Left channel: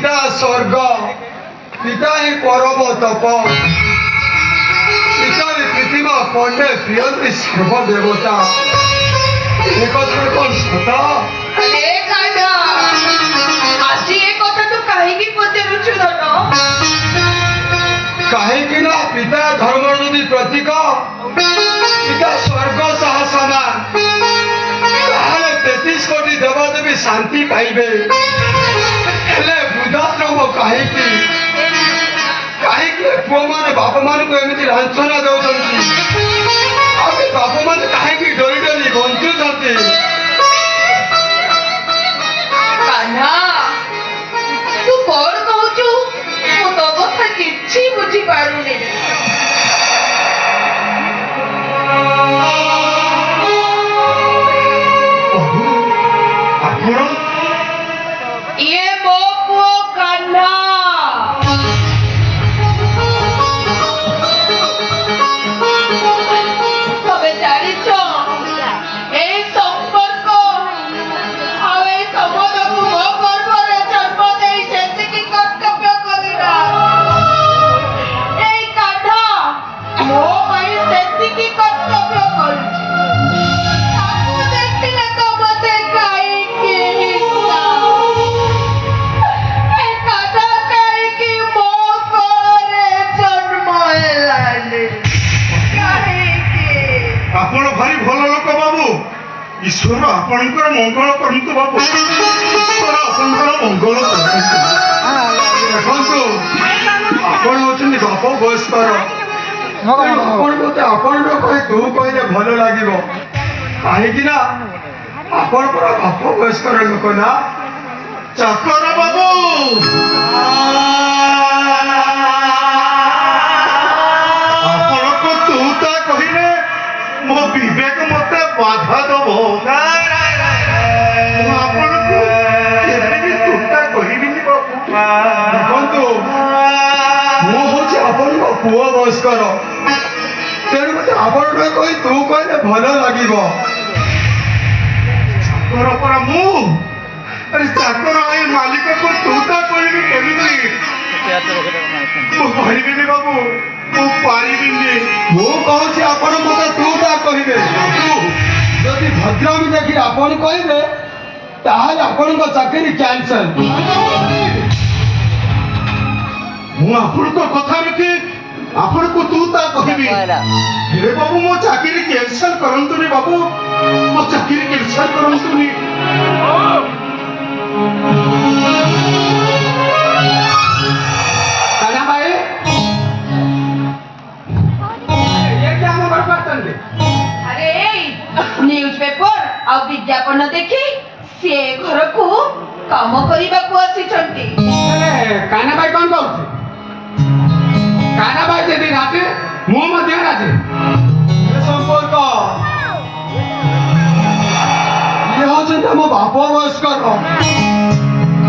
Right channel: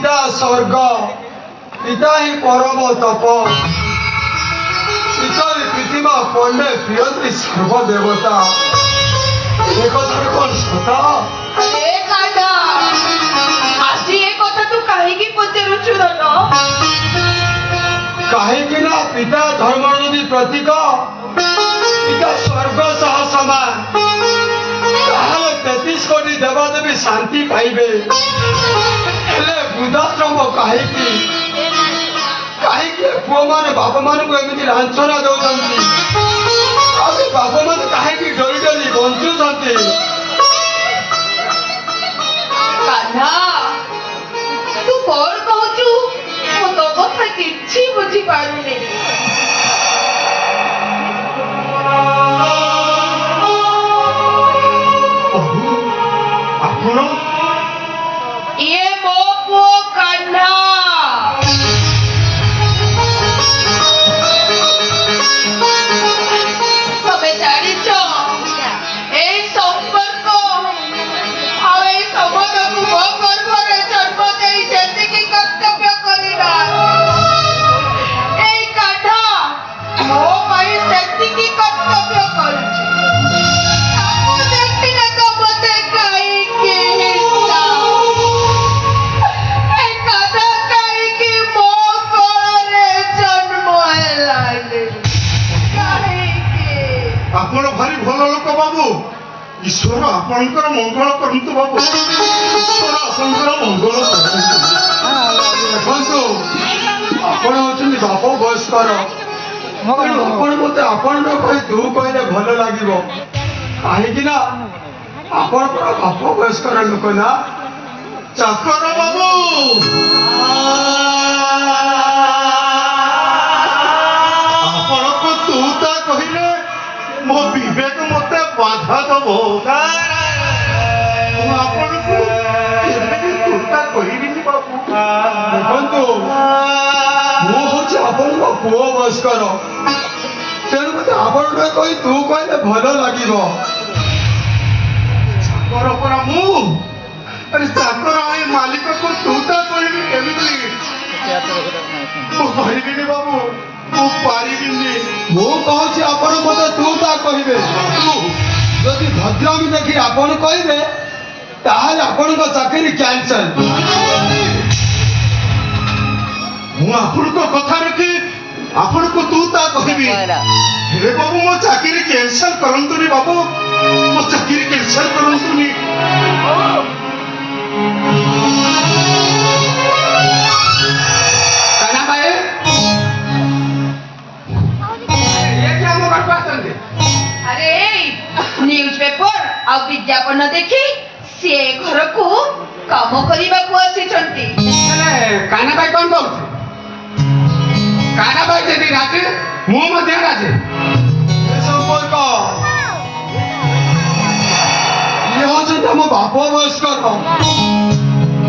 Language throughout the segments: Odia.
पिता स्वर्ग पिता ही परम तप शिखरी पृथ्वी पंडे प्रियंत्री सर्वदेवता एक कौन सता अरे कांडा आज ये कथा तू काहीकी पचारुछु रो कहीं ना पिता धर्म यदि प्रतीक पिता स्वर्ग सह समान 33 कोटी देवदेवी शांति पाइबे वृद्धाश्रम कहीं पुओ मान बाप मान को एमती लांछना दौरान बाप मान कहीं डरी डरी बंचुंट कान्हा तू कौन कहूचु मो तो कथा किछि बुझी पारुनी ये मो पुओ कान्हा तबे जानिछो ए संपर्क आउ ए समदकु मो गर्भरे जन्म देई जेतिकी कर्तव्य करिबा ए कान्हा मो पाई सेतिकी कर्तव्य करूछि ताकू देखिले तो मते काई के हिस्सा ए कान्हा काई की मो कोरे जन्म हेलानी काई के आपण भारी भल लोक बाबू ईश्वर आपणकर मंगल करतु बाबू ईश्वर आपणकर मंगल देखो आपण होचंदी बाप बयस्कर आपण मते आपण कहि तू कहले भल लागिबो काहेकि ना आपण पर बाप बयस्कर लोक ना चाकर बाबू आपण को तू ता कहिले मो विवेक मते बाधा दबो आपण को केबे तू ता कहिबिनी बाबू देखो मु होची आपण पुओ बयस्कर तेणु मते आपण कहि तू कहले भल लागिबो चाकर पर मु अरे चाकर आई मालिक को तू ता कहिबी केबिनी मु कहिबिनी बाबू मु पारिबिनी मु कहूची आपण मते तू ता कहिबे यदि भद्रामी देखि आपण कहिबे ताहाले आपण को चाकरी कैंसल मु आपण को कथा रखी आपण को तू ता कहिबी हे बाबू मो चाकरी कैंसल करंतुनी बाबू मो चाकरी कैंसल करंतुनी काना भाई ये क्या मोबाइल पर चलते अरे न्यूज़पेपर आ विज्ञापन देखि से घर को काम करिबा को आसीचंती काना भाई कौन बोलते काना भाई जदि राजे मु मध्य राजे ये संपर्क ये होचंदी हम बाप बयस्कर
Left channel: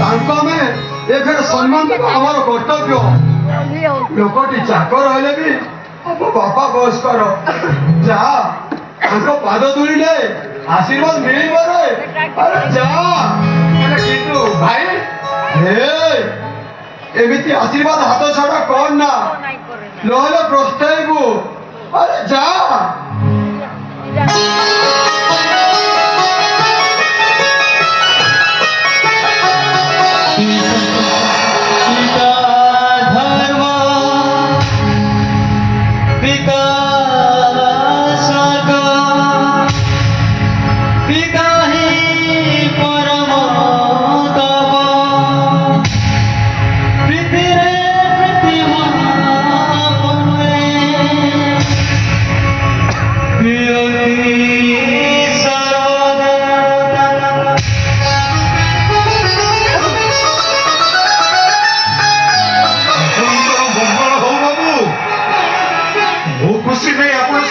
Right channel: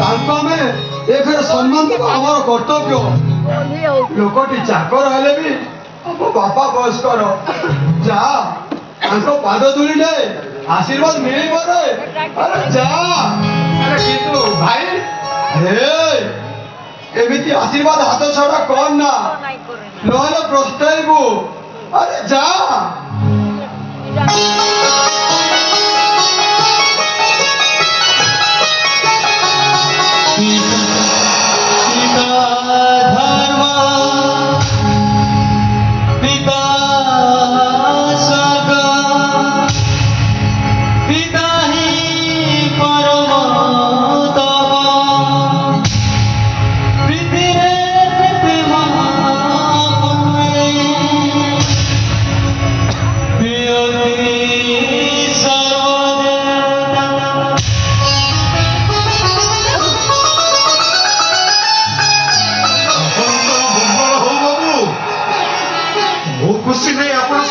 तांको में एखरे सम्मान देबा हमर कर्तव्य लोकटी चाकर हेले भी अब बापा बयस्कर जा तांको पाद धुलिले आशीर्वाद मिलिबो रे अरे जा अरे कितु भाई हे एमिति आशीर्वाद हाथ छड़ा कौन ना नहले प्रस्ताइबु अरे जा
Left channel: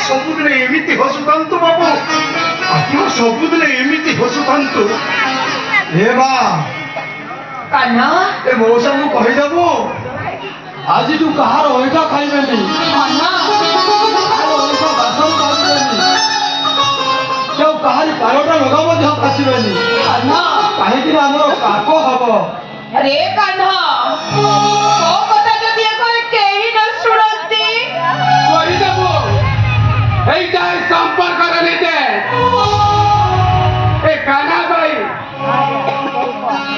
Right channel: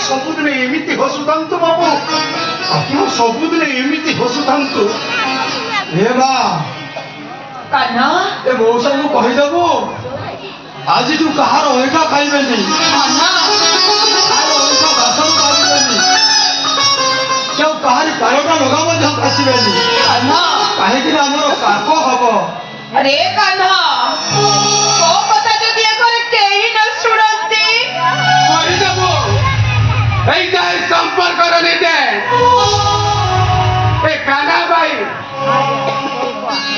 ସବୁଦିନେ ଏମିତି ହସୁଥାନ୍ତୁ ବାବୁ ଆପଣ ସବୁଦିନେ ଏମିତି ହସୁଥାନ୍ତୁ हे बा कान्हा ए मौसा को कहिदबु आज तू कहार ओइठा खाइबेनी कान्हा कहार ओइठा बासन खाइबेनी तो कहारी पारोटा लगा मध्य आसीबेनी कान्हा काहे कि हमर पाप हबो अरे कान्हा तो কথা যদি এখন কেই না শুনতি କରିଦେବୁ এইটা ସମ୍ପର୍କର ନିଜେ ଏ କାହ୍ନା ଭାଇ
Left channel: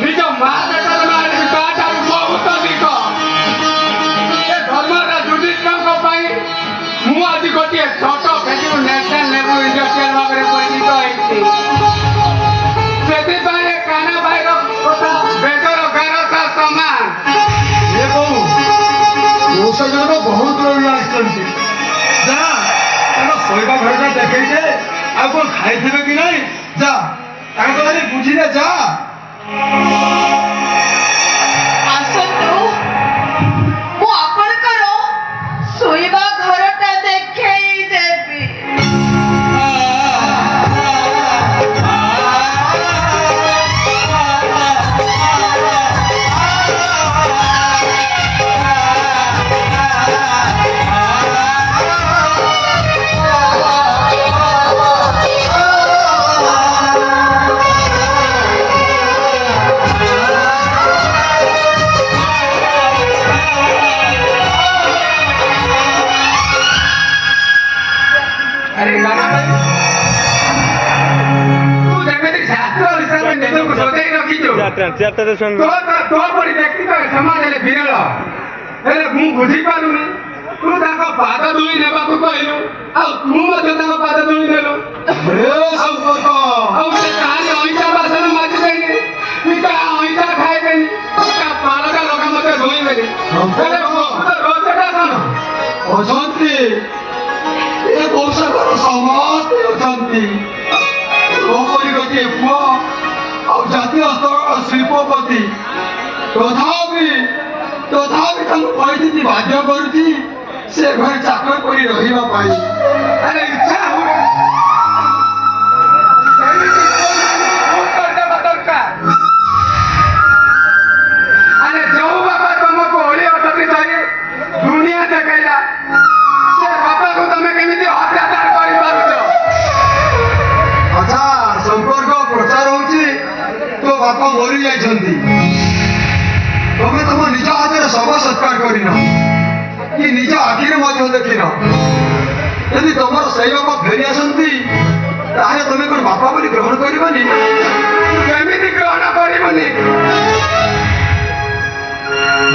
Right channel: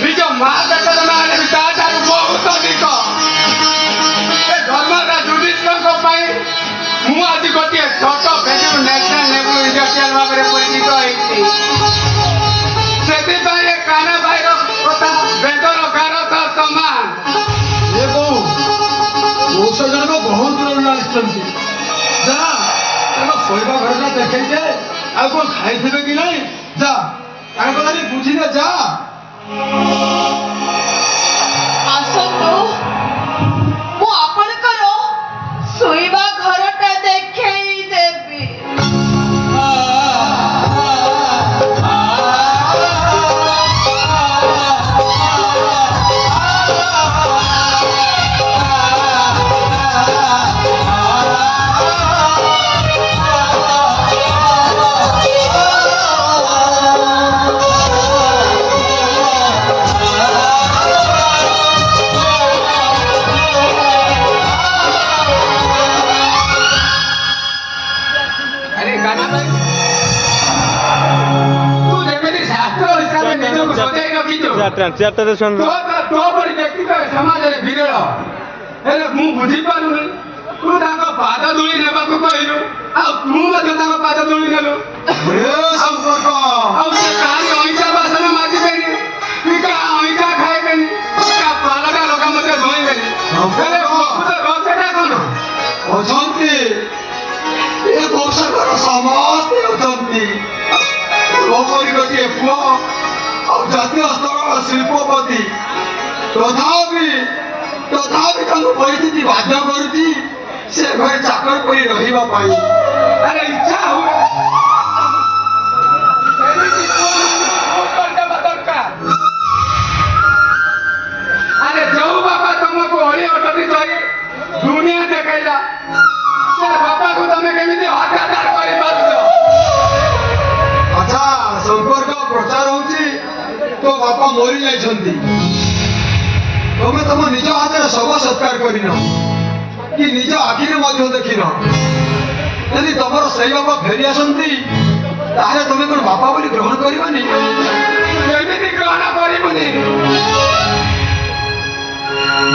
ନିଜ ମା ପେଟର ନାଁ ତାଠାରୁ ବହୁତ ଅଧିକ ଏ ଧର୍ମରାଜ ଯୁଧିଷ୍ଠିରଙ୍କ ପାଇଁ ମୁଁ ଆଜି ଗୋଟିଏ ଛୋଟ ଭେନ୍ୟୁ ନ୍ୟାସନାଲ ଲେବୁଲ ଇଣ୍ଡଷ୍ଟ୍ରିଆଲ ଭାବରେ ପରିଚିତ ହେଇଛି ସେଥିପାଇଁ ଏ କାହ୍ନା ଭାଇର କଥା ବେଦର ଗାରଥ ସମାନ ଏ ବୋଉ ମଉସା ଜଣକ ବହୁତ ଦୂରରୁ ଆସିଛନ୍ତି ଯା ତାଙ୍କ ଶୋଇବା ଘରଟା ଦେଖେଇ ଦେ ଆଉ କଣ ଖାଇଥିବେ କି ନାହିଁ ଯା ତାଙ୍କ ଧରି ବୁଝିଲେ ଯା ଆସନ୍ତୁ ମୁଁ ଆପଣଙ୍କର ଶୋଇବା ଘରଟା ଦେଖେଇ ଦେବି अरे गाना भाई तू ଯେମିତି ଶାସ୍ତ୍ର ହିସାବରେ ନିଜକୁ ସଜାଇ ରଖିଛୁ চেয়ারটাতে শুন ତୋ ପରି ବ୍ୟକ୍ତି ତ ଏ ସମାଜରେ ବିରଳ ହେଲେ ମୁଁ ବୁଝିପାରୁନି ତୁ ତାଙ୍କ ପାଦ ଧୂଳି ନେବାକୁ କହିଲୁ ଆଉ ତୁ ମଧ୍ୟ ତାଙ୍କ ପାଦ ଧୂଳି ନେଲୁ ଏ ସମ୍ପର୍କ ଆଉ ସେ କାହାని ଅଇଁଠା ବାସନ ମାଜିବେନି କି କାହା ଅଇଁଠା ଖାଇବେନି କାହା ପାଲଟା ଲଗା ମଧ୍ୟ ଧୋଇବେନି ହେଲେ ପ୍ରକୃତ ରହସ୍ୟଟା କ'ଣ ଅଛନ୍ତି ଏ ବଂଶଙ୍କର ସମସ୍ତେ ଅଛନ୍ତି ମୋ ପରି ଗୋଟିଏ ପୁଅ ଆଉ ଜାତୀୟ ସ୍ତରର ଶିଳ୍ପପତି ତଥାପି ତାଙ୍କୁ ପରିସ୍ଥିତି ବାଧ୍ୟ କରୁଛି ସେ ଘରେ ଚାକର କରି ରହିବା ପାଇଁ ଆରେ ଇଚ୍ଛା ହୁଏ ସେମିତି ପୁଅମାନଙ୍କୁ ଭୁଲ କରିଦେବା ଦରକାର ଆରେ ଯୋଉ ବାପା ତମକୁ ଅଳି ଅଟକି ଧରି ଦୁନିଆ ଦେଖେଇଲା ସେ ବାପାକୁ ତମେ କେମିତି ଅତ୍ୟାଚାର କରିପାରୁଛ ଆଚ୍ଛା ସମ୍ପର୍କ ପ୍ରଚାର ହଉଛି ତୋ ବାପା ମରି ଯାଇଛନ୍ତି ତମେ ତମ ନିଜ ହାତରେ ଶବ ସତ୍କାର କରିନ କି ନିଜ ଆଖିରେ ମଧ୍ୟ ଦେଖିନ ଯଦି ତମର ସେଇ ବାପା ଫେରି ଆସନ୍ତି ତାହେଲେ ତମେ କଣ ବାପା ବୋଲି ଗ୍ରହଣ କରିବନି କେମିତି ଗ୍ରହଣ କରିବୁନି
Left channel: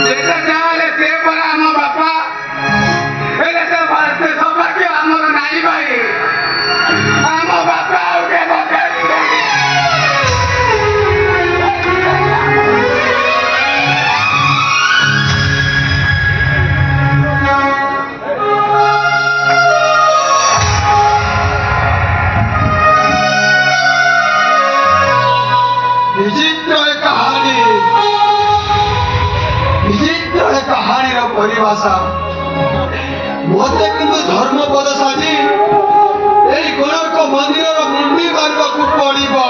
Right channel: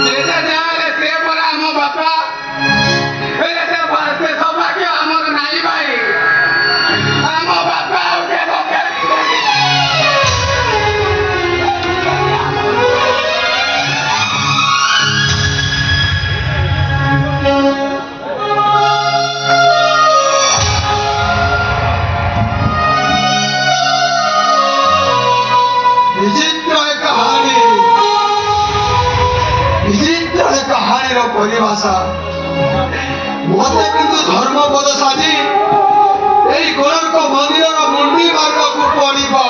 ଯେତେ ଯାହାହେଲେ ସେ ପରା ଆମ ବାପା ହେଲେ ସେ ସୌଭାଗ୍ୟ ଆମର ନାହିଁ ଭାଇ ଆମ ବାପା ଆଉ କେବେ ଫେରିବେନି। ବିଚିତ୍ର ଏ କାହାଣୀର ପରିଭାଷା ମୋତେ କିନ୍ତୁ ଧର୍ମପଦ ସାଜି এই କୋଣାର୍କ ମନ୍ଦିରର ମୁଣ୍ଡି ମାରିବାକୁ ପଡ଼ିବ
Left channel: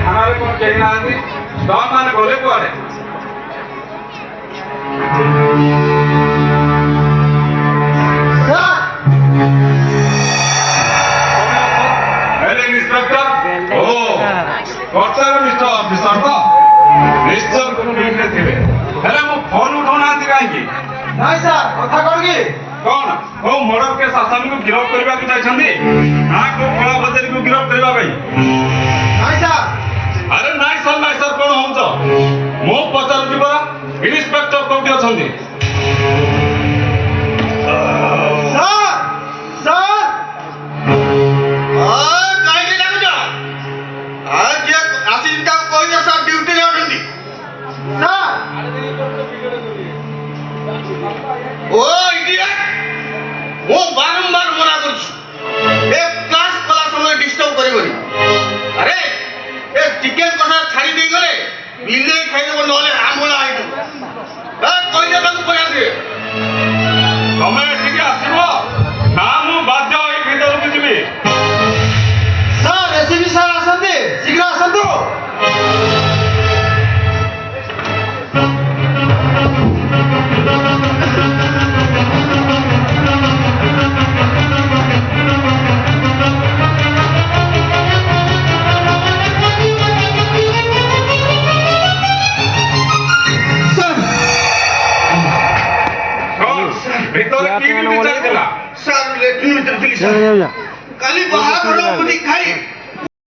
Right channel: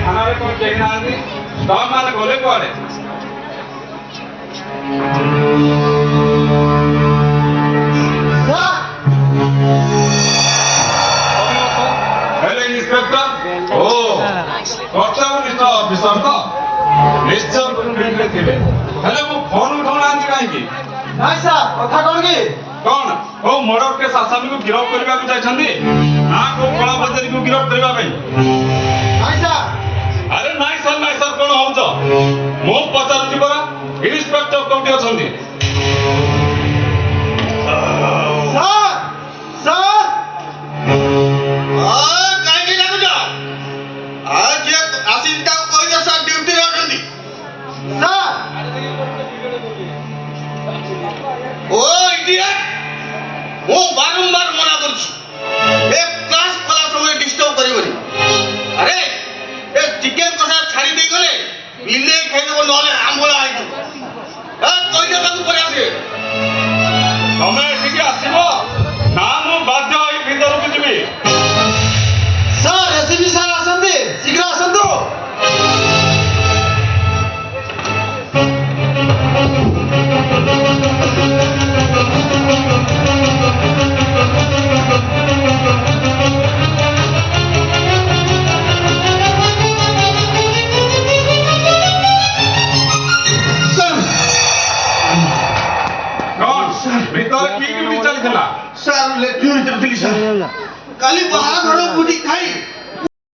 ଥାନାରେ କ'ଣ କେହି ନାହାନ୍ତି ଷ୍ଟକ୍ ମାନେ ଗଲେ କୁଆଡ଼େ ଇନ୍ସପେକ୍ଟର ଓ କର୍ତ୍ତବ୍ୟ ନିଷ୍ଠ ଅଫିସର ତ ନିଶ୍ଚୟ ଫିଲ୍ଡରେ ଥିବେ ହେଲେ ମୁଁ ଫୋନ ଉଠାଉନାହାନ୍ତି କାହିଁକି ନାଇଁ ସାର୍ କଥା କ'ଣ କି କ'ଣ କୋଉ ମର୍ଡର କେସ୍ ଆସାମୀକୁ ଗିରଫ କରିବାକୁ ଯାଇଛନ୍ତି ନା କୋଉ କଳା ବଜାରୀକୁ ଗିରଫ କରିବା ପାଇଁ ନାଇଁ ସାର୍ ଆରେ ନାଇଁ ସାର୍ କ'ଣ ହଉଛ ମୁଁ ପଚାରୁଛି ପରା ଇନ୍ସପେକ୍ଟର କୋଉଠି ଅଛନ୍ତି ସାର୍ ସାର୍ କାହିଁକି ଲାଗୁଛ ଆଉ ଯିଏ ଆସିଛି ତାକୁ କହିଦିଅ ସାର୍ ଡ୍ୟୁଟିରେ ଅଛନ୍ତି ସାର୍ ଓ ଇଡିୟଟ ମୁଁ ବାରମ୍ବାର ମନା କରୁଛି ଲେଟ୍ରିନ୍ ଭିତରେ ଥିଲି ସାର୍ କାଲି ବାହାଘର ମୁଢି ଖାଇ